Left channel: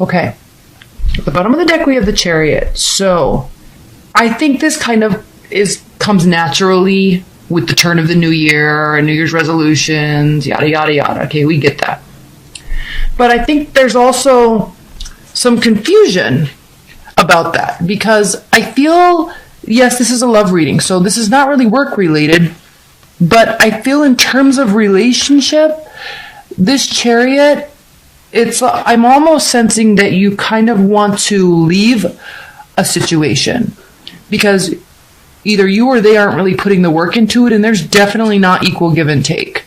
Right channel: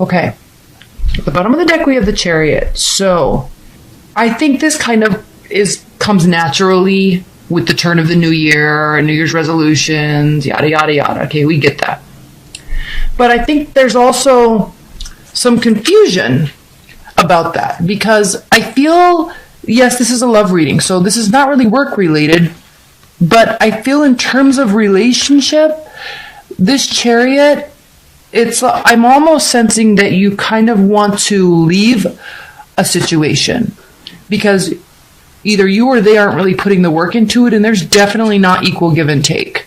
Okay. At the bottom of the deck, we have the Chariot. So I think this kind of comes naturally with the turn of the new year, New Year's resolutions, yada, yada, yada. Okay, we get that. But I think there's also some confusion about that because I feel, yes, this is a love reading, so this is not really work related, but I feel in terms of relationship, this Chariot, I'm almost sensing that you kind of want to leave a situation because either you or they aren't really putting the work into it, and there's definitely not equal give and take.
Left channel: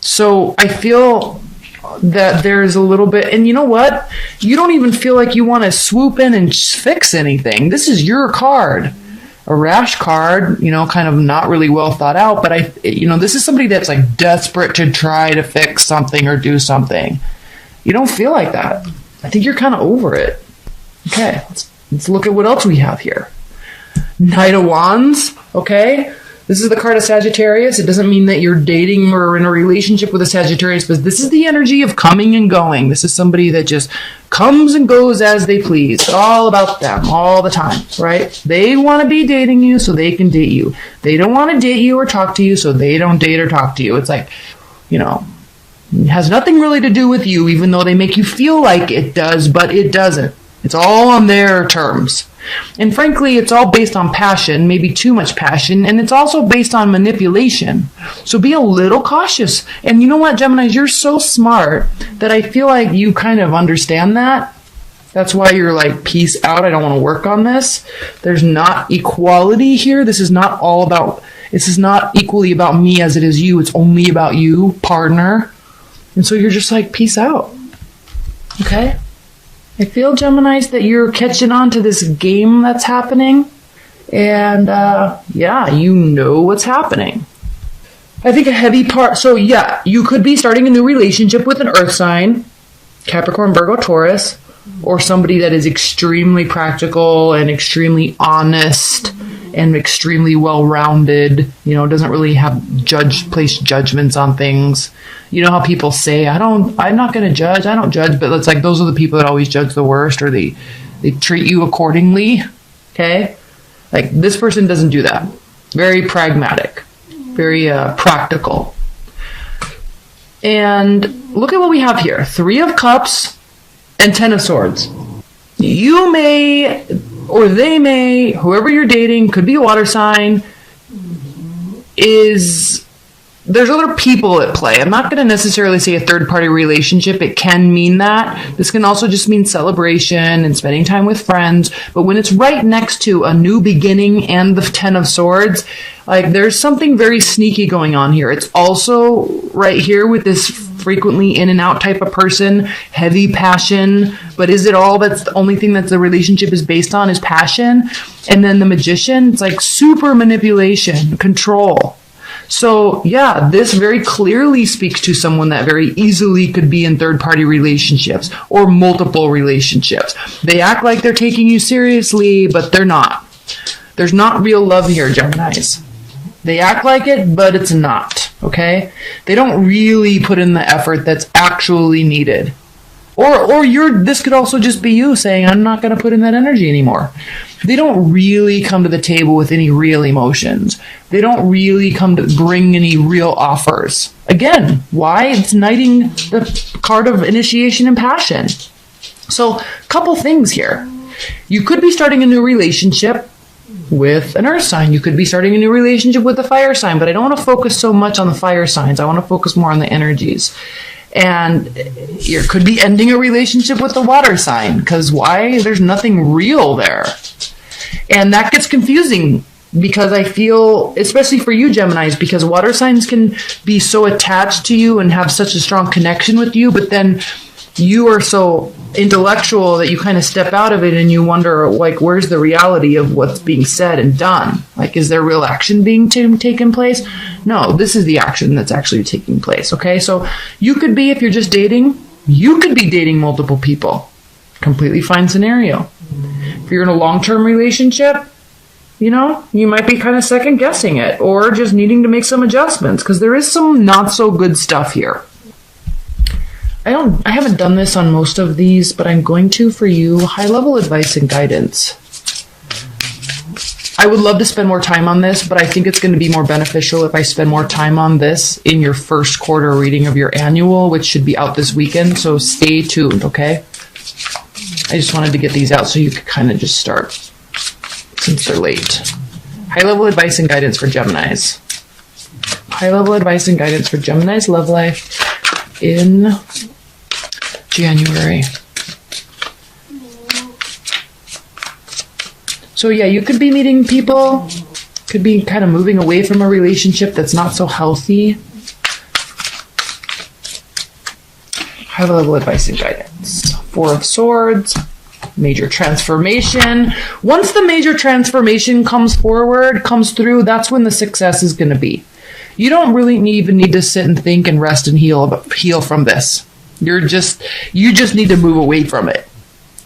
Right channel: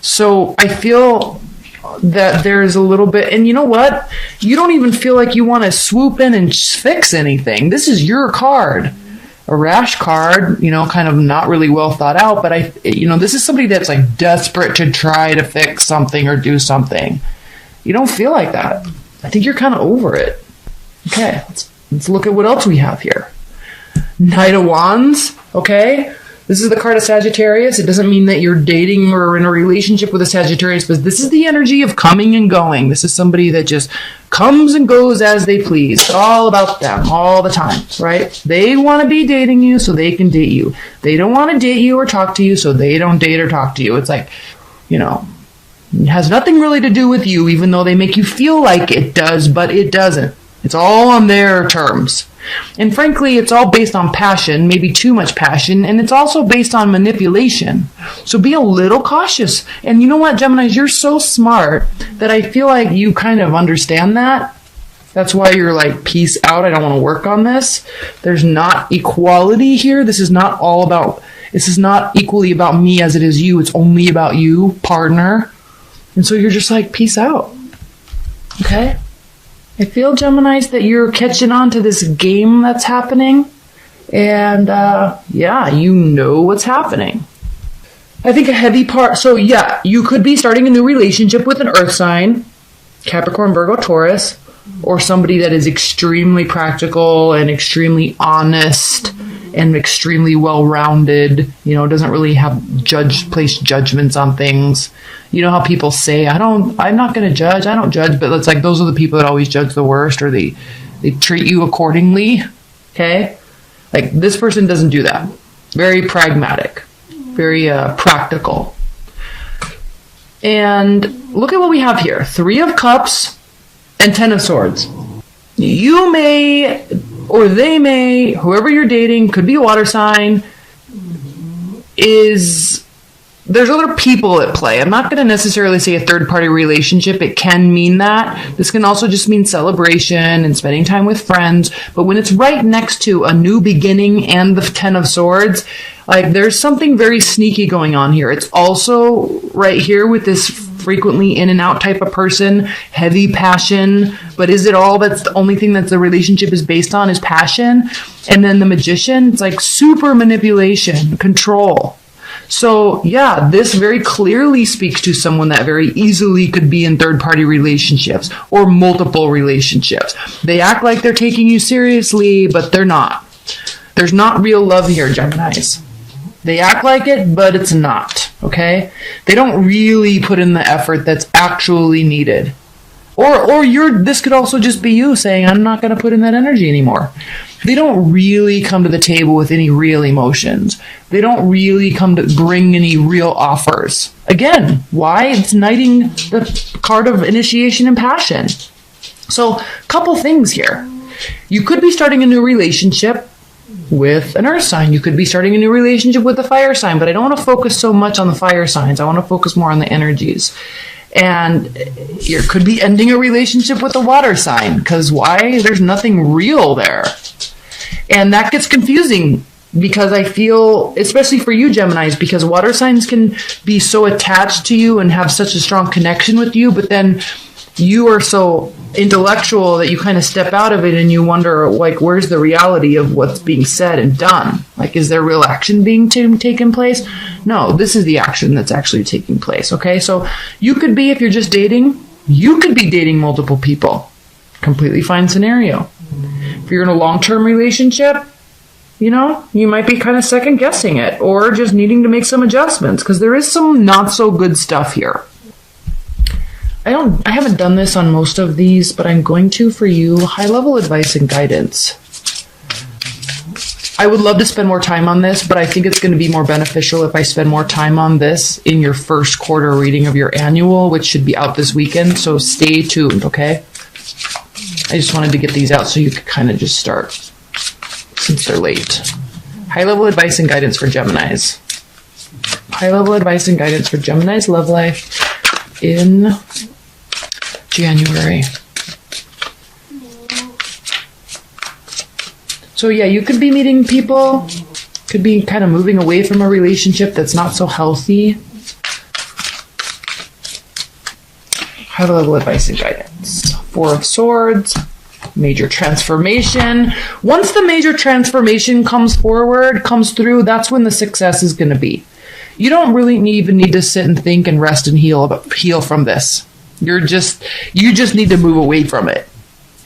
So I feel that there is a little bit, and you know what? You don't even feel like you want to swoop in and fix anything. This is your card. A rash card, kind of not really well thought out, but this is somebody that's like desperate to try to fix something or do something. You don't feel like that. I think you're kind of over it. Okay, let's look at what else we have here. Knight of Wands, okay? This is the card of Sagittarius. It doesn't mean that you're dating or in a relationship with a Sagittarius, but this is the energy of coming and going. This is somebody that just comes and goes as they please. It's all about them all the time, right? They want to be dating you so they can date you. They don't want to date you or talk to you so they don't date or talk to you. It's like, it has nothing really to do with you, even though they make you feel like it does, but it doesn't. It's all on their terms. And frankly, it's all based on passion, maybe too much passion, and it's also based on manipulation. So be a little cautious. And you know what, Geminis, you're so smart that I feel like you kind of understand that. That's why you're like, peace out, I don't want to work on this. There's not equality here. This is not equally about me as it is you. It's only about you, partner. And so you're just like, peace out. Okay? I feel, Geminis, that you're catching on to this game that's happening. And, you know what's happening. I think a heavy part... So, yeah, you could be starting a new relationship with an earth sign, Capricorn, Virgo, Taurus, or somebody that is extremely practical and extremely honest and extremely well-rounded, doesn't really place judgments on things. You know how people say, I'm not going to judge, I don't judge, but it's like those are the people that always judge the worst, or they treat you accordingly, okay? Like, this person doesn't do that. Very pragmatic, very practical. And look at what we have here. 3 of Cups and 10 of Swords. You may, or they may, whoever you're dating, could be a water sign, there's other people at play. I'm not going to necessarily say a third-party relationship. It can mean that. This can also just mean celebration and spending time with friends. But when it's right next to a new beginning and the 10 of Swords, like, there's something very sneaky going on here. It's also right here with this frequently in and out type of person, heavy passion. But is it all that's the only thing that the relationship is based on is passion? And then the Magician, it's like super manipulation, control. So, yeah, this very clearly speaks to someone that very easily could be in third-party relationships or multiple relationships. They act like they're taking you seriously, but they're not. There's not real love here, Geminis. They act like it, but it's not, okay? They don't really put in the effort that's actually needed. Or this could also just be you saying, I'm not going to put in that energy anymore. They don't really come to the table with any real emotions. They don't really come to bring any real offers. Again, why? It's knighting the card of initiation and passion. So, a couple things here. You could be starting a new relationship with an earth sign. You could be starting a new relationship with a fire sign, but I don't want to focus so much on the fire signs. I want to focus more on the energies. And you could be ending a relationship with a water sign, because why? There's nothing real there. And that gets confusing because I feel, especially for you, Geminis, because water signs can be so attached to you and have such a strong connection with you, but then you are so intellectual that you kind of step out of it and you wonder, like, where's the reality of what's being said and done? Like, is there real action being taken place? No, this is the action that's actually taking place, okay? So you could be, if you're just dating, you could be dating multiple people. Completely fine scenario. If you're in a long-term relationship, you might be kind of second-guessing it or just needing to make some adjustments because there is some not-so-good stuff here. I haven't done this on most of these, but I'm going to for you. High-level advice and guidance. I would love to spend more time on this, but I think it's going to be more beneficial if I spend more time on this in your first quarter reading of your annual, which should be out this weekend. So stay tuned, okay? I just wanted to get these out so you could kind of just start since they're late. High-level advice and guidance for Geminis. High-level advice and guidance for Gemini's love life in January. So yeah, you could be meeting people, could be kind of moving away from a relationship that's not so healthy. High-level advice and guidance. Four of Swords. Major transformation. Once the major transformation comes through, that's when the success is going to be. You don't really even need to sit and think and rest and heal from this. You just need to move away from it,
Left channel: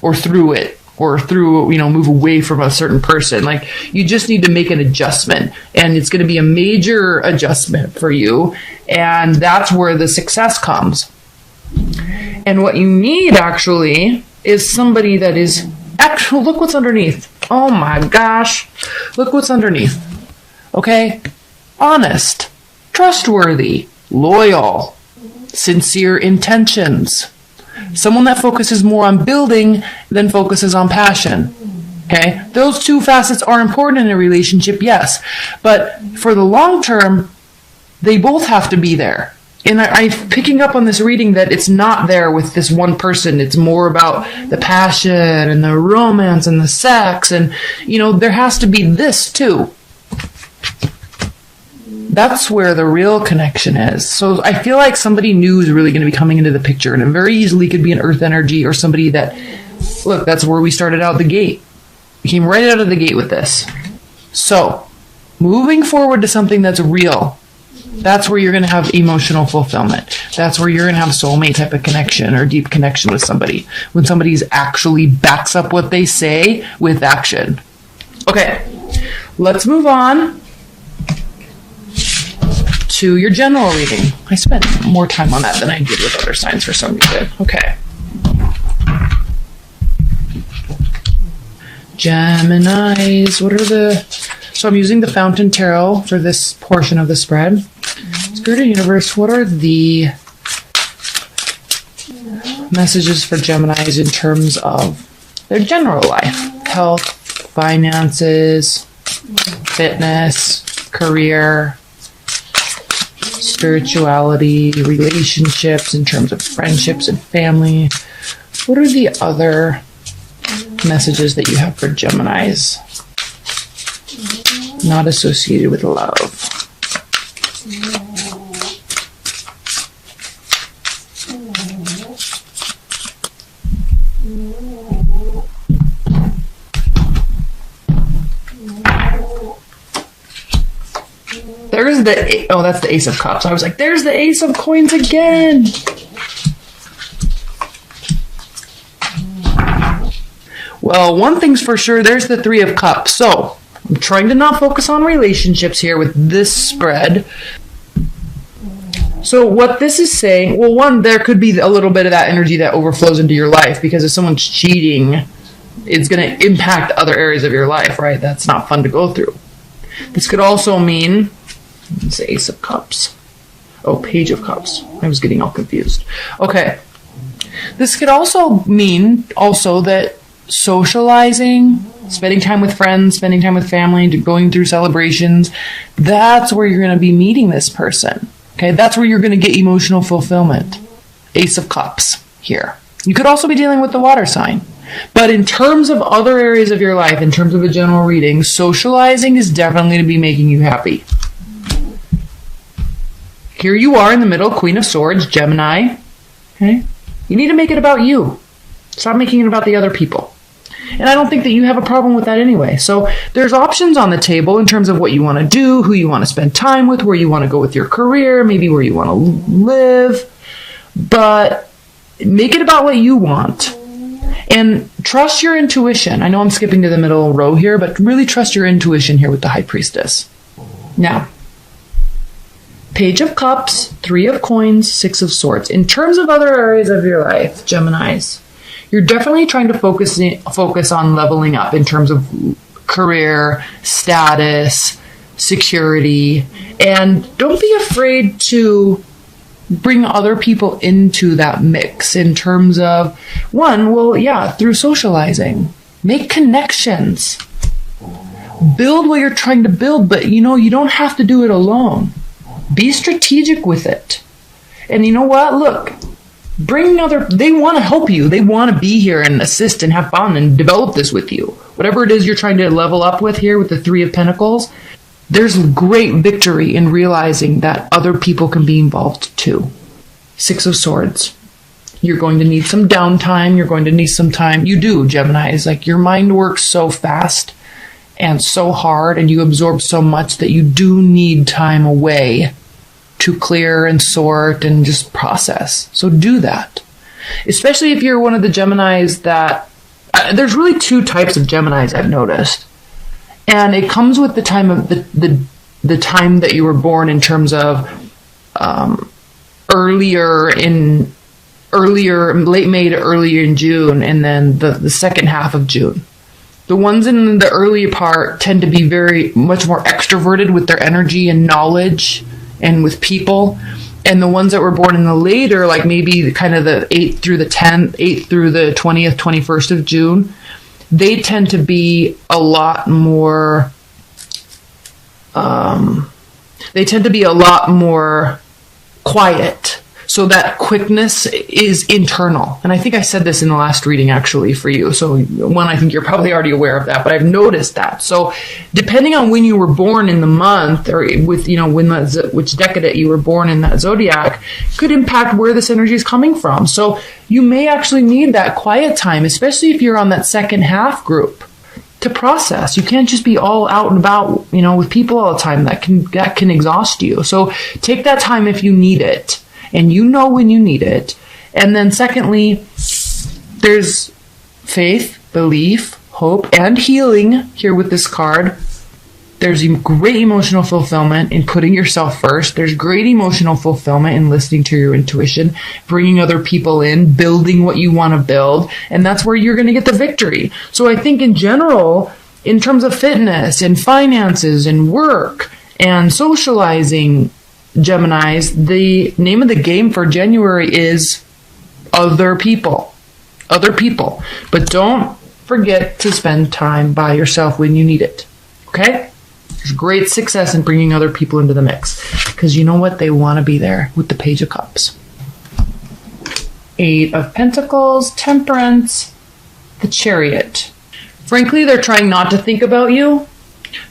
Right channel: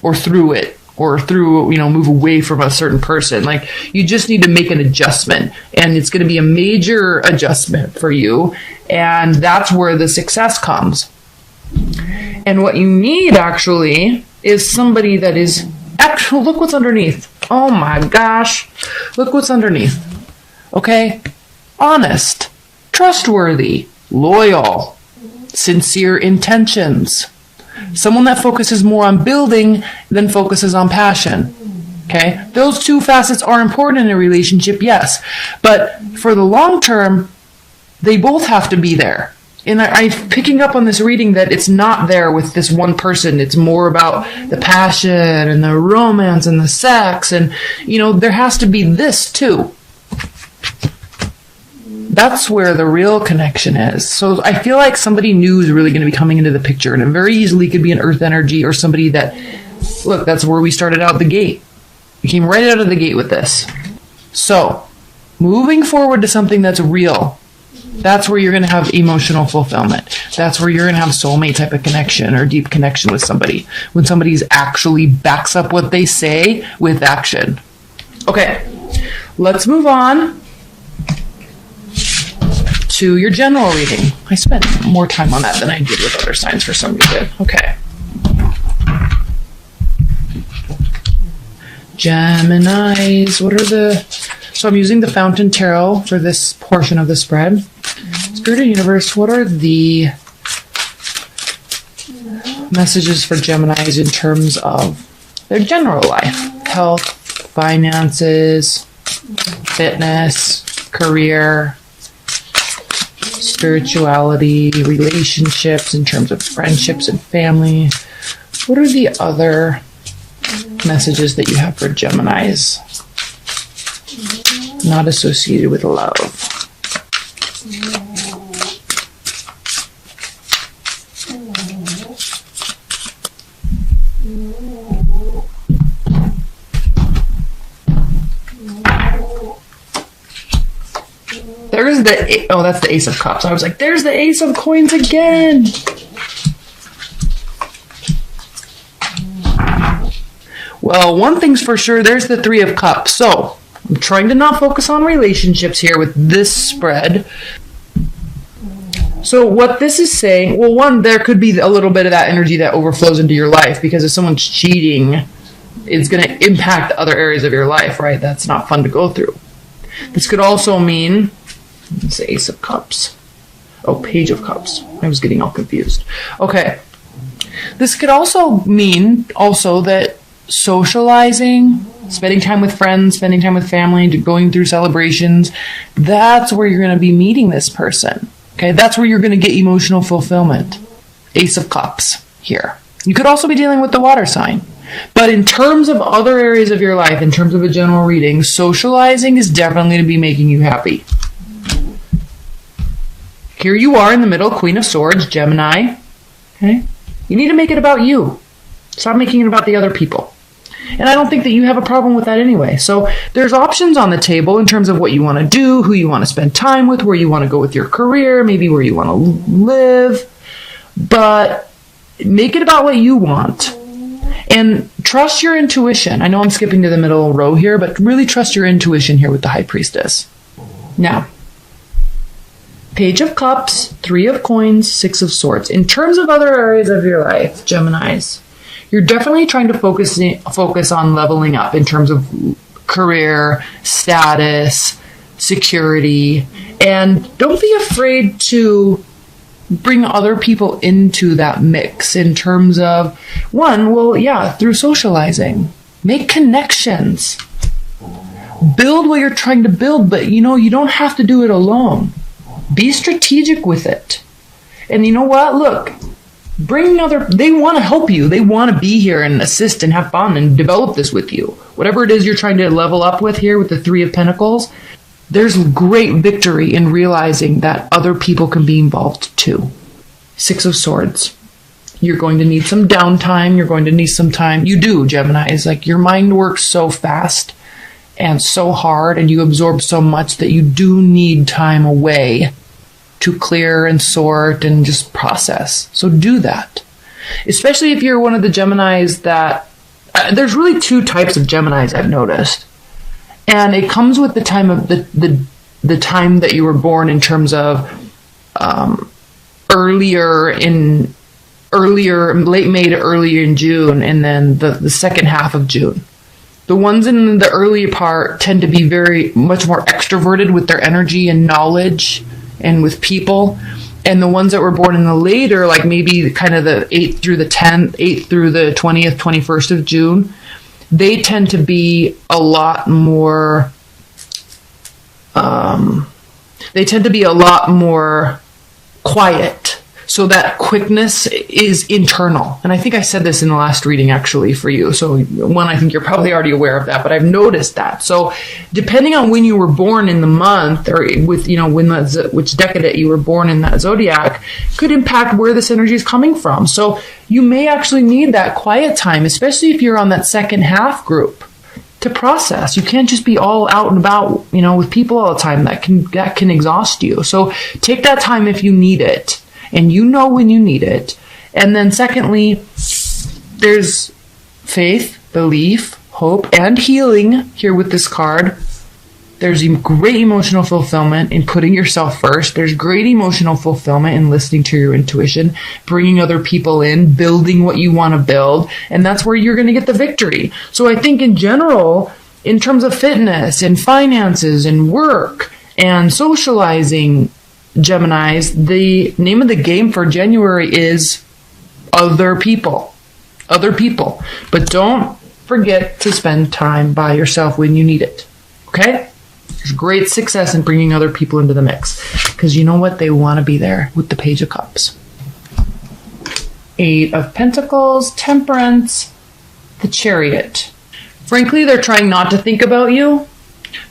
or through it, or move away from a certain person. Like, you just need to make an adjustment, and it's going to be a major adjustment for you, and that's where the success comes. And what you need actually is somebody that is, look what's underneath. Oh my gosh. Look what's underneath. Okay? Honest, trustworthy, loyal, sincere intentions. Someone that focuses more on building than focuses on passion. Okay? Those two facets are important in a relationship, yes. But for the long term, they both have to be there. And I'm picking up on this reading that it's not there with this one person. It's more about the passion and the romance and the sex. And, there has to be this too. That's where the real connection is. So I feel like somebody new is really going to be coming into the picture. And it very easily could be an earth energy or somebody that, look, that's where we started out the gate. We came right out of the gate with this. So, moving forward to something that's real. That's where you're going to have emotional fulfillment. That's where you're going to have soulmate type of connection or deep connection with somebody. When somebody's actually backs up what they say with action. Okay, let's move on to your general reading. I spent more time on that than I did with other signs for some reason. Okay. Geminis, so I'm using the Fountain Tarot for this portion of the spread. Spirit and Universe, what are the messages for Geminis in terms of their general life? Health, finances, fitness, career, spirituality, relationships in terms of friendships and family. What are the other messages that you have for Geminis not associated with love? There's that's the Ace of Cups. I was like, there's the Ace of Coins again. Well, one thing's for sure, there's the Three of Cups. So, I'm trying to not focus on relationships here with this spread. So what this is saying, well, one, there could be a little bit of that energy that overflows into your life, because if someone's cheating, it's going to impact other areas of your life, right? That's not fun to go through. This could also mean, it's the Ace of Cups. Oh, Page of Cups. I was getting all confused. Okay. This could also mean that socializing, spending time with friends, spending time with family, going through celebrations, that's where you're going to be meeting this person. Okay, that's where you're going to get emotional fulfillment. Ace of Cups here. You could also be dealing with the water sign. But in terms of other areas of your life, in terms of a general reading, socializing is definitely going to be making you happy. Here you are in the middle, Queen of Swords, Gemini. Okay? You need to make it about you. Stop making it about the other people. And I don't think that you have a problem with that anyway. So there's options on the table in terms of what you want to do, who you want to spend time with, where you want to go with your career, maybe where you want to live. But make it about what you want. And trust your intuition. I know I'm skipping to the middle row here, but really trust your intuition here with the High Priestess. Now, Page of Cups, 3 of Coins, 6 of Swords. In terms of other areas of your life, Geminis, you're definitely trying to focus on leveling up in terms of career, status, security, and don't be afraid to bring other people into that mix in terms of, through socializing. Make connections. Build what you're trying to build, but you don't have to do it alone. Be strategic with it. And you know what? Look, they want to help you. They want to be here and assist and have fun and develop this with you. Whatever it is you're trying to level up with here with the 3 of Pentacles, there's great victory in realizing that other people can be involved too. 6 of Swords. You're going to need some downtime. You're going to need some time. You do, Gemini. It's like your mind works so fast and so hard, and you absorb so much that you do need time away to clear and sort and just process. So do that. Especially if you're one of the Geminis that... there's really 2 types of Geminis I've noticed. And it comes with the time of the time that you were born in terms of late May to early in June, and then the second half of June. The ones in the early part tend to be very much more extroverted with their energy and knowledge and with people. And the ones that were born in the later, like maybe kind of the 8th through the 10th, 8th through the 20th, 21st of June, they tend to be a lot more, quiet. So that quickness is internal. And I think I said this in the last reading actually for you. So I think you're probably already aware of that, but I've noticed that. So depending on when you were born in the month, or with, which decade you were born in that zodiac, could impact where this energy is coming from. So you may actually need that quiet time, especially if you're on that second half group, to process. You can't just be all out and about, with people all the time. That can exhaust you. So take that time if you need it. And you know when you need it. And then secondly, there's faith, belief, hope, and healing here with this card. There's great emotional fulfillment in putting yourself first. There's great emotional fulfillment in listening to your intuition, bringing other people in, building what you want to build. And that's where you're going to get the victory. So I think in general, in terms of fitness and finances and work and socializing, Geminis, the name of the game for January is other people. Other people. But don't forget to spend time by yourself when you need it. Okay? There's great success in bringing other people into the mix. Because you know what? They want to be there with the Page of Cups. 8 of Pentacles, Temperance, the Chariot. Frankly, they're trying not to think about you.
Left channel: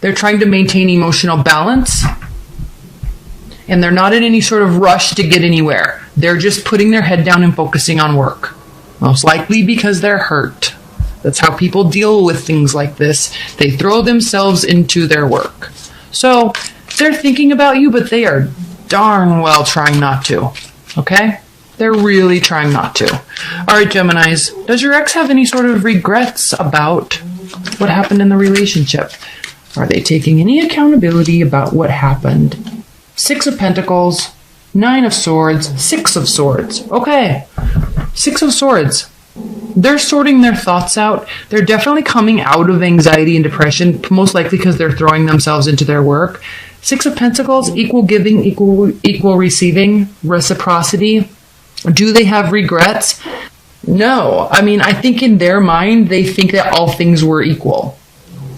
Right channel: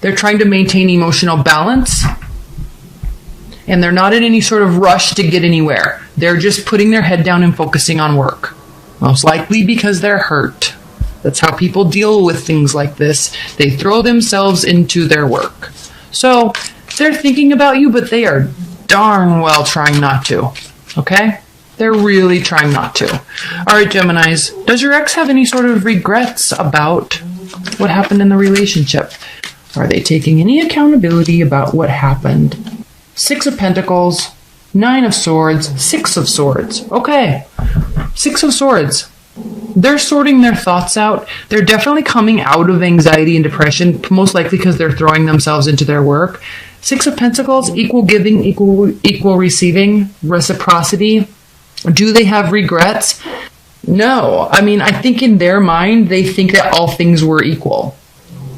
They're trying to maintain emotional balance. And they're not in any sort of rush to get anywhere. They're just putting their head down and focusing on work. Most likely because they're hurt. That's how people deal with things like this. They throw themselves into their work. So they're thinking about you, but they are darn well trying not to. Okay? They're really trying not to. All right, Geminis. Does your ex have any sort of regrets about what happened in the relationship? Are they taking any accountability about what happened? 6 of Pentacles, 9 of Swords, 6 of Swords. Okay. 6 of Swords. They're sorting their thoughts out. They're definitely coming out of anxiety and depression, most likely because they're throwing themselves into their work. 6 of Pentacles, equal giving, equal receiving, reciprocity. Do they have regrets? No. I mean, I think in their mind, they think that all things were equal.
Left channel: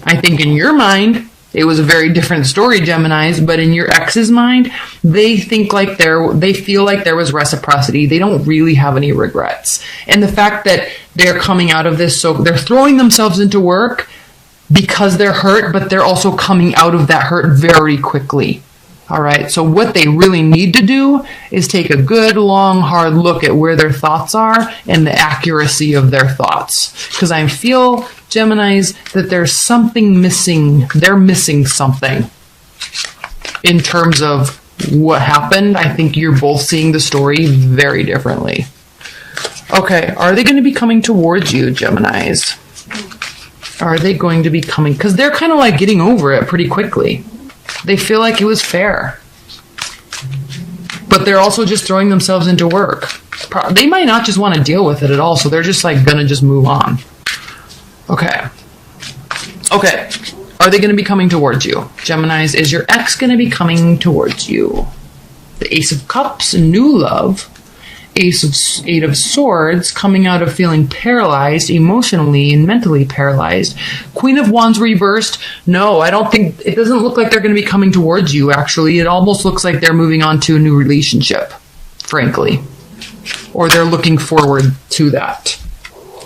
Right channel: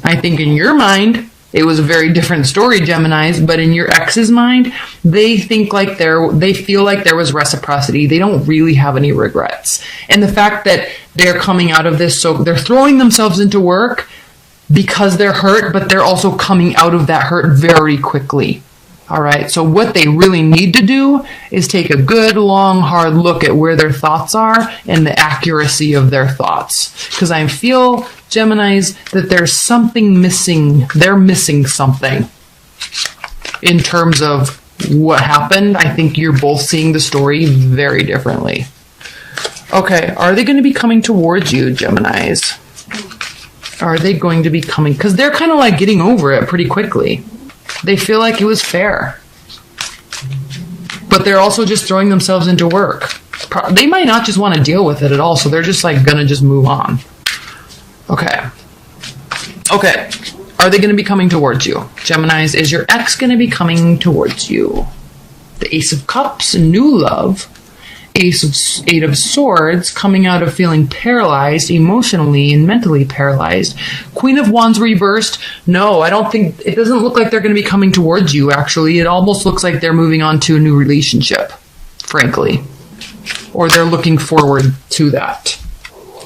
I think in your mind, it was a very different story, Geminis, but in your ex's mind, they feel like there was reciprocity. They don't really have any regrets. And the fact that they're coming out of this, so they're throwing themselves into work because they're hurt, but they're also coming out of that hurt very quickly. All right, so what they really need to do is take a good, long, hard look at where their thoughts are and the accuracy of their thoughts. Because I feel, Geminis, that there's something missing. They're missing something in terms of what happened. I think you're both seeing the story very differently. Okay, are they going to be coming towards you, Geminis? Are they going to be coming? Because they're kind of like getting over it pretty quickly. They feel like it was fair. but they're also just throwing themselves into work. They might not just want to deal with it at all, so they're just like gonna just move on. Okay. Are they going to be coming towards you? Geminis, is your ex going to be coming towards you? The Ace of Cups, new love. Eight of Swords, coming out of feeling paralyzed, emotionally and mentally paralyzed. Queen of Wands reversed. No, I don't think, it doesn't look like they're going to be coming towards you, actually. It almost looks like they're moving on to a new relationship, frankly. Or they're looking forward to that.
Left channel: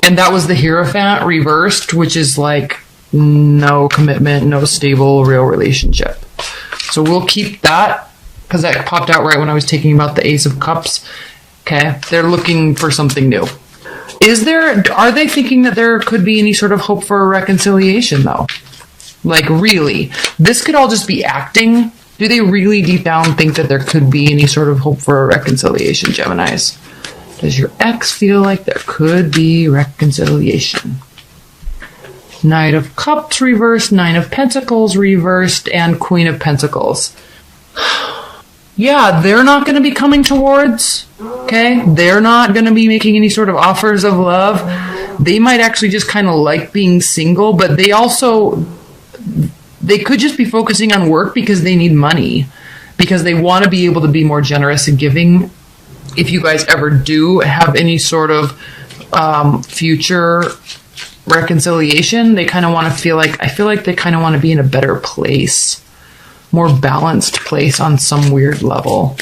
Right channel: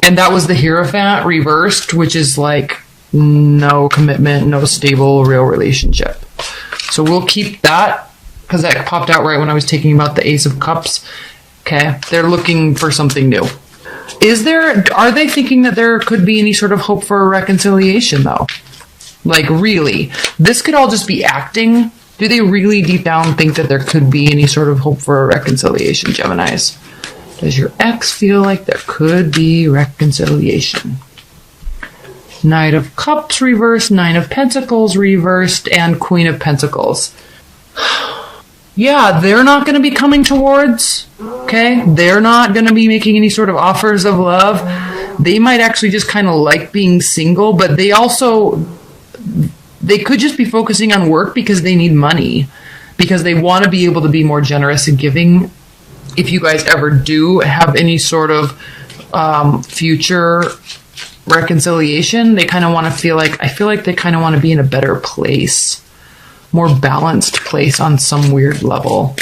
And that was the Hierophant reversed, which is like no commitment, no stable, real relationship. So we'll keep that, because that popped out right when I was talking about the Ace of Cups. Okay, they're looking for something new. Are they thinking that there could be any sort of hope for a reconciliation, though? Like, really? This could all just be acting? Do they really deep down think that there could be any sort of hope for a reconciliation, Geminis? Does your ex feel like there could be reconciliation? Knight of Cups reversed, Nine of Pentacles reversed, and Queen of Pentacles. Yeah, they're not going to be coming towards, okay? They're not going to be making any sort of offers of love. They might actually just kind of like being single, but they could just be focusing on work because they need money, because they want to be able to be more generous and giving. If you guys ever do have any sort of future reconciliation, they kind of want to I feel like they kind of want to be in a better place. More balanced place on some weird level.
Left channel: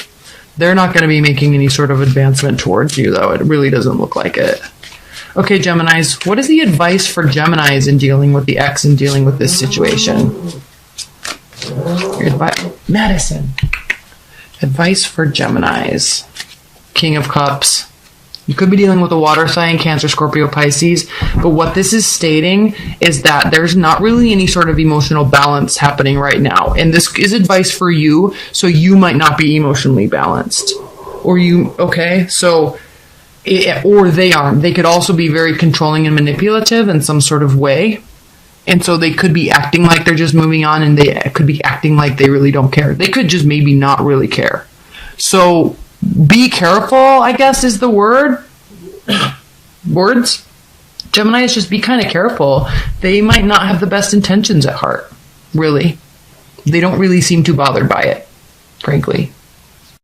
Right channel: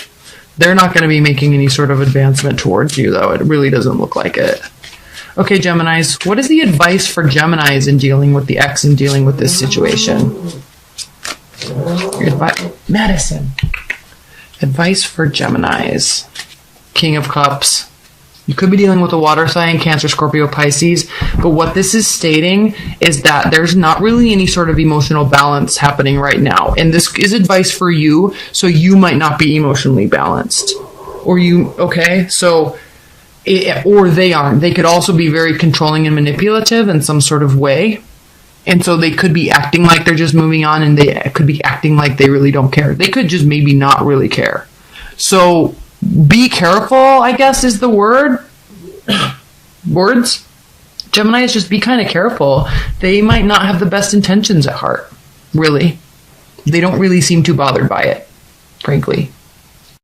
They're not going to be making any sort of advancement towards you, though. It really doesn't look like it. Okay, Geminis, what is the advice for Geminis in dealing with the ex and dealing with this situation? Madison. Advice for Geminis. King of Cups. You could be dealing with a water sign, Cancer, Scorpio, Pisces, but what this is stating is that there's not really any sort of emotional balance happening right now. And this is advice for you, so you might not be emotionally balanced. Or they could also be very controlling and manipulative in some sort of way. And so they could be acting like they're just moving on, and they could be acting like they really don't care. They could just maybe not really care. So be careful, I guess, is the word. Words. Geminis, just be kind of careful. They might not have the best intentions at heart. Really. They don't really seem too bothered by it, frankly.